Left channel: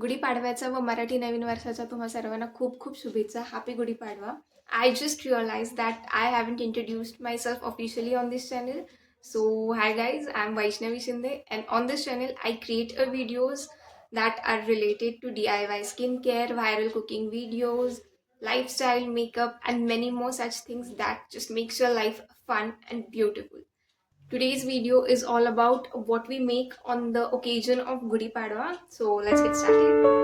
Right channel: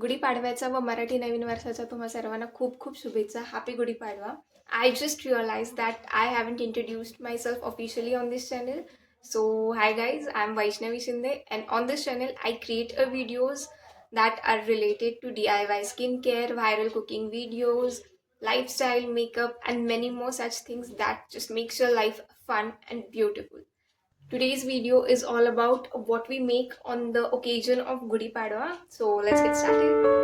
गुढी पाडव्याचा व मराठी नवीन वर्षाचा तुम्हा सर्वांना खूप खूप शुभेच्छा. Happy Gudi Padwa. I just realized that I haven't introduced myself officially on this channel. So hi guys, I'm Vaishnavi Shinde, and on this channel I create videos that are related to DIY skincare, viral cooking videos, lifestyle, makeup, and many more such things that just makes your life fun and beautiful. Today's video is all about what we make on the occasion of Gudi Padwa. So let's get started.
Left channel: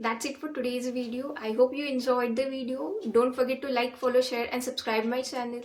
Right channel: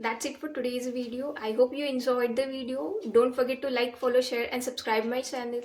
That's it for today's video. I hope you enjoyed the video. Don't forget to like, follow, share, and subscribe my channel.